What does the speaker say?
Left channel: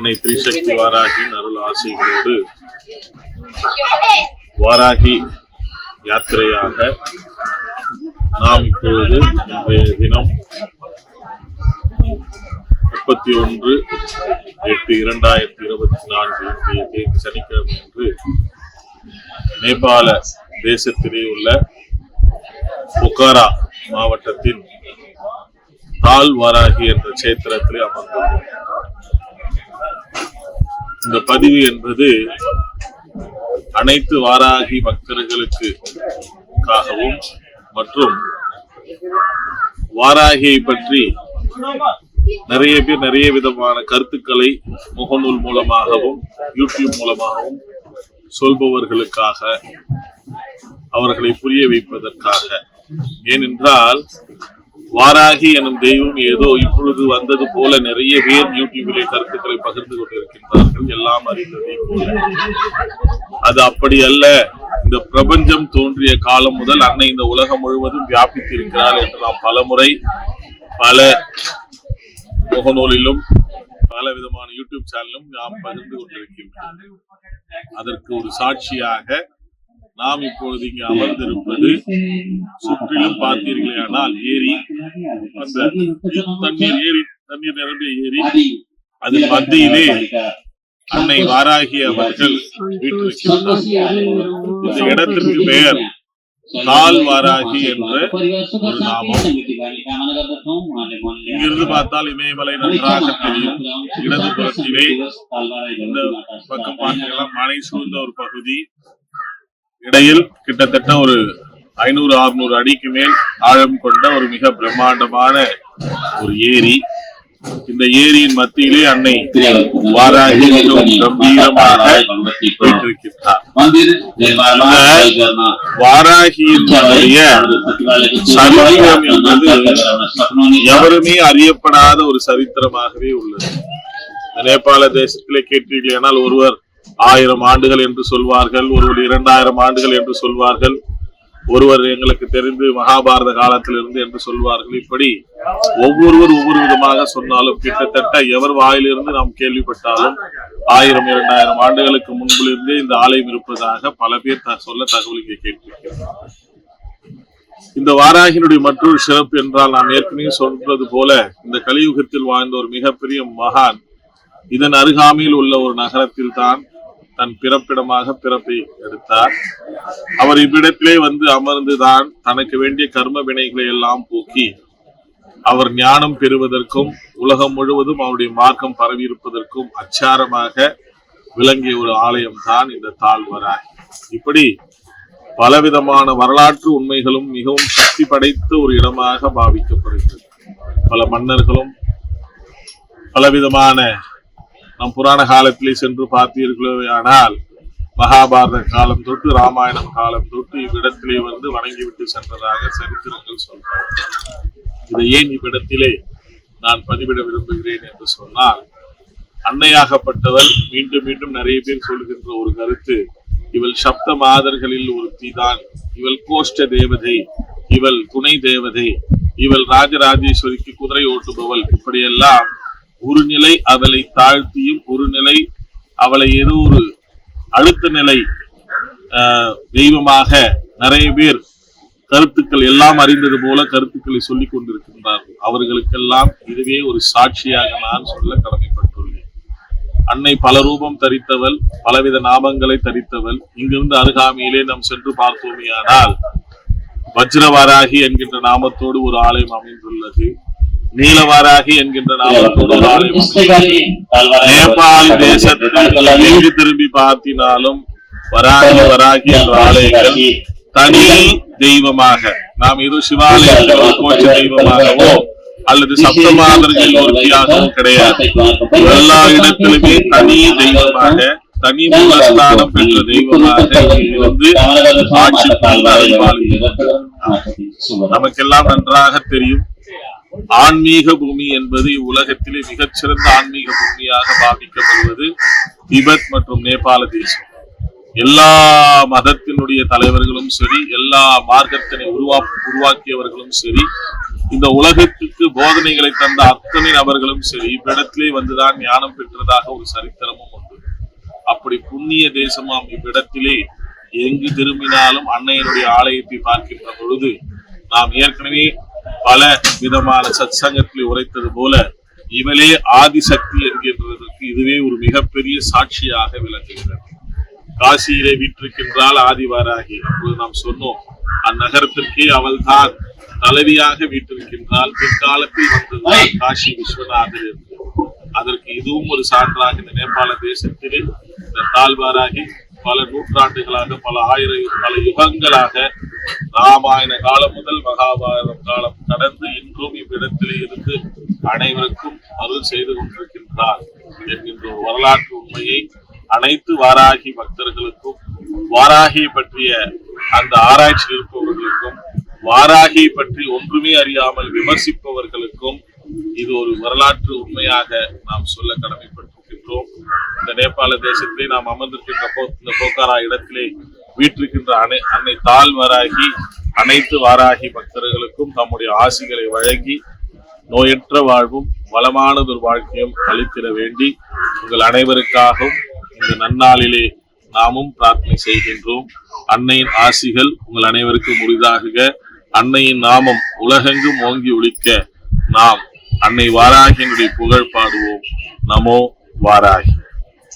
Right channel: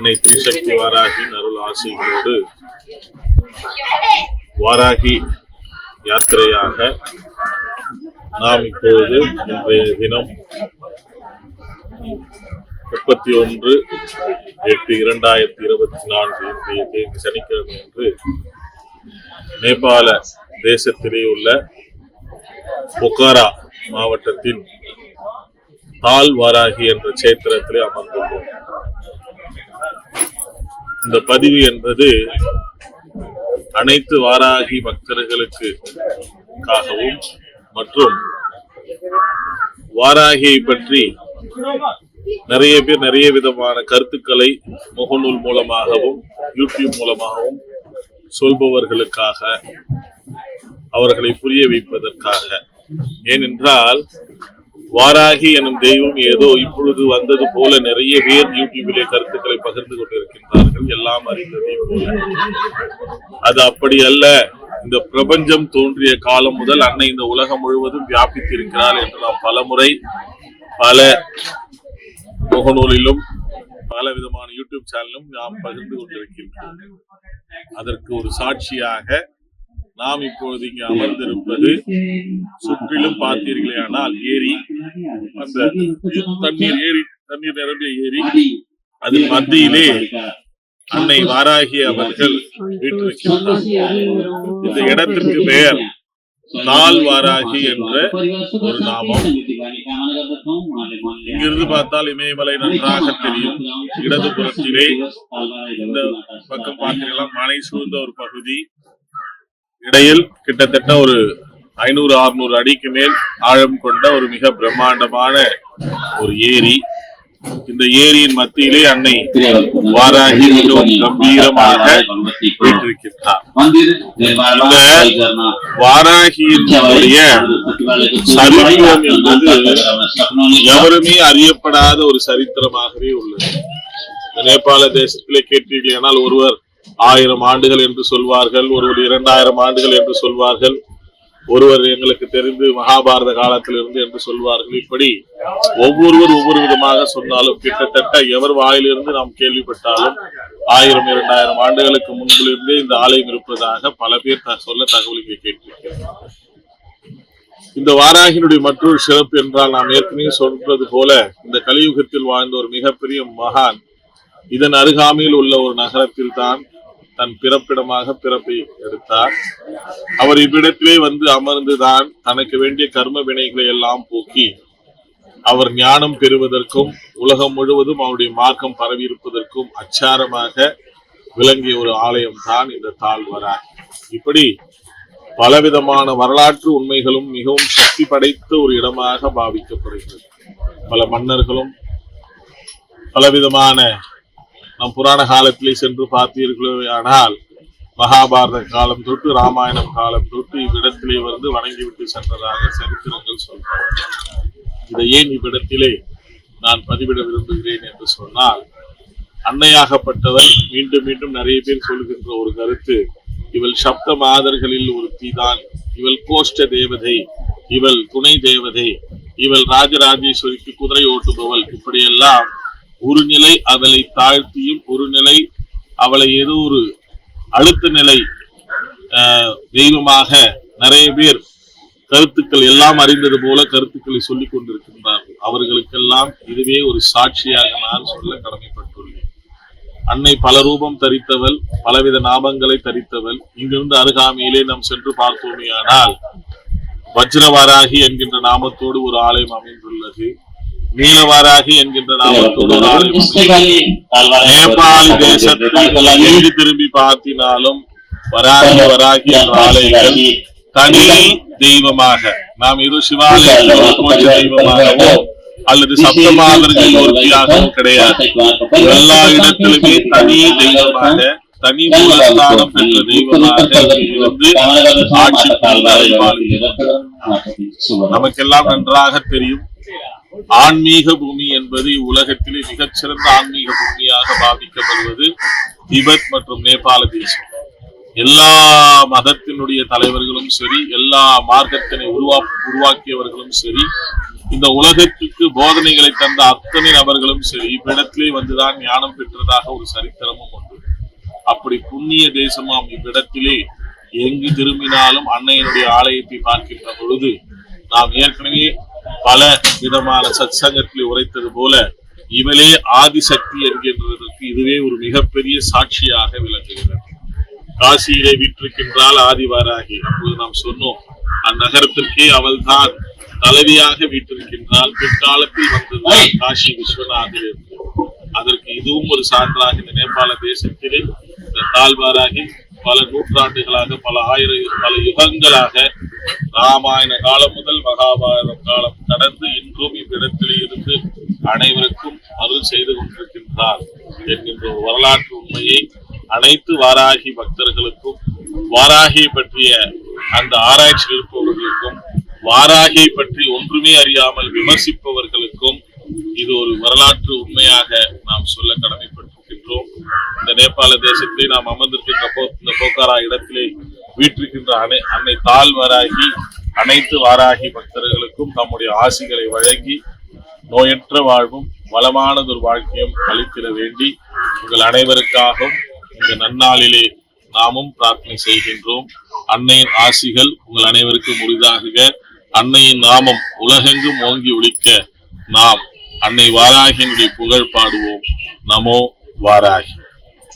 அன்னை திரிசக்தி வாராகியின் அருள் ஆசைகளோடு வாராகி யாத்திரையாக நாம் இப்பொழுது இன்றைய தினம் 31/8/2024 இன்றைய தேதி சனிக்கிழமை அன்று நேபாள தேசத்திலே உள்ள பொக்காரா மாவட்டத்தின் தால் வாராகி என்ற சேத்திரத்திலே அமர்ந்துள்ளோம். இந்த பதிவு என்பது அனைத்து வாராகி பக்தர்களுக்காகவும் மற்றும் வாராகியை பற்றி நிறைய பேர் நிறைய விதமான கருத்துக்களை முகநூல் மூலமாகவும் யூடியூப் மூலமாகவும் சொல்பவர்களுக்காக, அவர்களை புரிய வைப்பதற்காக. ஏனென்றால் வாராகி எனும் தெய்வம் ஏதோ இப்பொழுது வந்தது போல நிறைய பேர் யூடியூபிலே கருத்துக்களை பகிர்ந்து கொண்டிருக்கின்றார்கள், எல்லாம் அறிந்ததை போல. அது அப்படி அல்ல. இந்த பிரபஞ்சம் தோன்றிய காலம் முதல் அன்னை இந்த உலகம் முழுவதும் வியாபித்திருக்கிறார் என்று நாம் பல முறை பல முகநூலிலும் பல விதமான யூடியூப் சேனலும் நாம் பகிர்ந்து கொண்டிருக்கின்றோம். அதற்கு ஒரு சாட்சியாக நாம் இப்பொழுது இங்கு அமர்ந்திருப்பது, சுற்றிலும் பார்த்தீர்களே ஆனால் ஏரி, அந்த தண்ணீர் நிரம்பிய ஏரி, அதில் மத்தியிலே அன்னை வாராகி அவர்கள் வீட்டிருக்கிறார். இந்த இடத்திற்கு பெயர் தால் வாராகி என்ற ஒரு நாமம். இங்கிருந்து பார்த்தால் இமயமலை நன்றாக தெரியும். இடதுபுறத்திலே இந்த பக்கம் பார்த்தீங்கன்னா மலை சூழ்ந்த ஒரு பகுதி, இடையில் கிட்டத்தட்ட ஒரு 500-600 அடிக்கு மேல் ஆழம் கொண்ட ஒரு மிக பிரம்மாண்டமான ஒரு ஏரி. இந்த ஏரியின் மத்தியிலே அன்னை வாராகி மிகவும் கம்பீரமாக வீற்றிருக்கிறார். இந்த வாராகியினுடைய சரித்திரம் என்பது எவருமே அறியப்படாத ஒரு சரித்திரமாகவே உள்ளது. இந்த நேபாள தேசத்திலே கேட்டீர்களானால் ஒருவர் 1000 ஆண்டுகள் என்று சொல்வார்கள், ஒருவர் 2000 ஆண்டுகள் என்று சொல்வார்கள், ஒருவர் எங்களுக்கு தெரிந்து மகாபாரத காலத்திலிருந்து என்று சொல்வார்கள். இப்படி ஒவ்வொருவர் ஒவ்வொரு விதமாக சொன்னாலும் கிட்டத்தட்ட எவர் வாயிலிருந்து நாம் கேள்விப்பட்டாலும் 1000-2000 ஆண்டுகளுக்கு முன்பிலிருந்தே இந்த ஆலயம் இருப்பதாக பல பேர் சொல்ல தகவல் இங்கே கேட்டிருக்கிறோம். இந்த வாராகியினுடைய மற்றொரு சிறப்பு என்றால், நாம் ஏற்கனவே சொல்றது போல இந்த கலியுகத்தில் வாழ்ந்த ஒரு மிகப்பெரிய மகான் இதன் அருகாமையில் உள்ள ஒரு நகரத்தில் தான் தன் பிறப்பிடமாக பிறப்பை எடுத்தார். அவர் இவ்விடத்திலே வந்து அமர்ந்துதான் தனக்கு வேண்டிய கர்ம வினைகளை எல்லாம் போக்கி அவர் ஞானம் பெறுவதற்கும் உலகம் முழுவதும் அவருடைய மார்க்கம் பரவி இருப்பதற்கும் அச்சாரமாக விளங்கிய ஒரு ஆலயம் தான் இந்த தால் வாராகி. இப்படி பலவிதமான வரலாற்று உண்மைகளும் மிகவும் சக்தி படைத்த ஒரு இடமாக பாவிக்கப்படுகிறது. பல மன்னர்களும் பலவிதமான நம் புராண காலத்திலே சென்று பார்த்தீர்களோ ஆனால் மகாபாரத காலம் தொட்டு ராமாயணம் காலம் தொட்டு இவ்விடத்திலே வந்து வணங்கிவிட்டு சென்றதாக சரித்திரங்கள் சொல்றாங்க. இதை ஏன் இவ்விடத்திலே நான் பதிவிட விரும்புகிறேன் என்று சொன்னால், அன்னையாகப்பட்டவள் மீண்டும் மீண்டும் நிறைய பேர் சொல்கின்ற ஒரு கருத்து, இவள் சப்த மாதர்களில் ஒருத்தி தான், இவள் கோஷ்ட தேவதை, இவள் துணை தேவதை, இவள் ராஜராஜேஸ்வரிக்கு குதிரை ஓட்டுபவள். இப்படியெல்லாம் ஒரு நிலை அவளை தாழ்த்தியும் ஒரு நிலை அவளை ஏதோ ஒரு அழுத்த நிலை தெய்வமாக நிறைய பேர் கருத்துக்கள் எல்லாம் அறிந்தது போல கருத்துக்களை சொல்லிக் கொண்டிருக்கின்றார்கள். அவர்களுக்கெல்லாம் இதுவே ஒரு சாட்சியாக நான் சொல்ல கடமைப்பட்டுள்ளேன். அன்னை பல ரூபம் தரித்தவள், பலவித நாமங்களை தரித்தவள். இங்கிருந்து அருகாமையிலே நாம் சென்று பார்த்தோமேயானால் வஜ்ரவாராகி என்கின்ற நாமத்தோடு ஒரு ஆலயம் அமைந்துள்ளது. நீலவாராகி என்கின்ற நாமத்தோடு ஒரு ஆலயம். நேபாள தேசத்தில் திரும்பி பார்த்தினாலும் வராகி வராகி என்ற ஆலயங்கள் தனி தெய்வமாக, நாம் ஏதோ சிவாலய தெய்வமாகவோ அல்லது சப்தமாதர்கள் ஒருத்தியாகவும் கிடையாது. எல்லா இடத்திலுமே தனி தெய்வமாக, தனி மூலஸ்தானம் பெற்ற தெய்வமாக இருந்து ஆட்சி நமக்கெல்லாம் நன்றாக தெரியும். ஆன்மீக பூமி என்பது உலகத்திலே மிகச்சிறந்த ஆன்மீக பூமியாக பாவிக்கப்படுவது திபெத் மற்றும் நேபாள தேசம். எல்லா மதத்தினுடைய தலைவர்களும் சரி, எல்லா மார்க்கத்தினை உருவாக்கியவர்களும் சரி, இந்த உலகத்திற்கு போதனைகளை தந்த அத்தனை நபர்களும் சரி இவ்விடத்திலே வந்துதான் ஞானம் பெற்றதாக ஒரு சரித்திரமும் உண்டு. அப்படி புண்ணிய தேசமாம் இவ்விடத்திலே எங்கு திரும்பினாலும் அன்னையினுடைய ஆலயத்தை பார்க்கின்ற பொழுது நாம் ஏற்கனவே பல விதமான சத்சங்கத்தில் உரைத்தது போல இவளே ஆதிசக்தி என்கின்றதற்கு இதுவே ஒரு மிகப்பெரிய சாட்சியாக விளங்குகிறது. காசியிலே வீற்றிருக்கின்றால் ஆதிவாராகி. அப்போது நாம் சொன்னோம் அந்நகரத்திற்கே அவள்தான் தலைவியாக வீற்றிருக்கின்றால். பிற்காலத்தில் வந்ததுதான் காசி விஸ்வநாதர் என்று. அதற்கு இதுவும் ஒரு சான்றாக இந்த நேபாள தேசத்திலே இந்த தாழ்வாராகி பல நூற்றாண்டுகளாக பல யுகங்களாக ராமாயண காலம் முதல் மகாபாரதம் காலம் கடந்து இன்றும் இவ்விடத்திலே இருந்து அனைவருக்கும் அருள் செய்து கொண்டிருக்கின்றார் என்கின்ற ஒரு வரலாற்று உண்மையை அனைத்து வாராகி பக்தர்களுக்கும் வாராகியை பற்றிய அந்த ஆராய்ச்சியில் இருப்பவர்களுக்கும் வாராகியை பற்றி ஒன்றுமே அறியாமல் விமர்சிப்பவர்களுக்கும் இது ஒரு வரலாற்று உண்மையாக நாம் சொல்ல கடமைப்பட்டிருக்கின்றோம். இந்த நேபாள தேசத்திலே நாம் அமர்ந்திருக்கின்ற இந்த போக்காரா இடத்திலே வீற்றிருக்கின்ற அன்னை தாழ்வாராகி அனைத்து வாராகி பக்தர்களுக்கும் நம்முடைய ஆசிகளை வழங்கி நோயற்ற வாழ்வும் வளமானதொரு வாழ்க்கையும் அளித்திட வேண்டி உங்கள் அனைவருக்காகவும் இந்த நன்னாளிலே நாமும் பிரார்த்தனை செய்கின்றோம். அன்னையின் ஆசிகள் உங்கள் அனைவருக்கும் உரிதாகுக. அன்னையின் நாமம் உலகெங்கும் ஓங்கி ஒலிக்க நாம் அன்னை வாராகியினுடைய புகழ் பாடுவோம். நமோ வாராகி.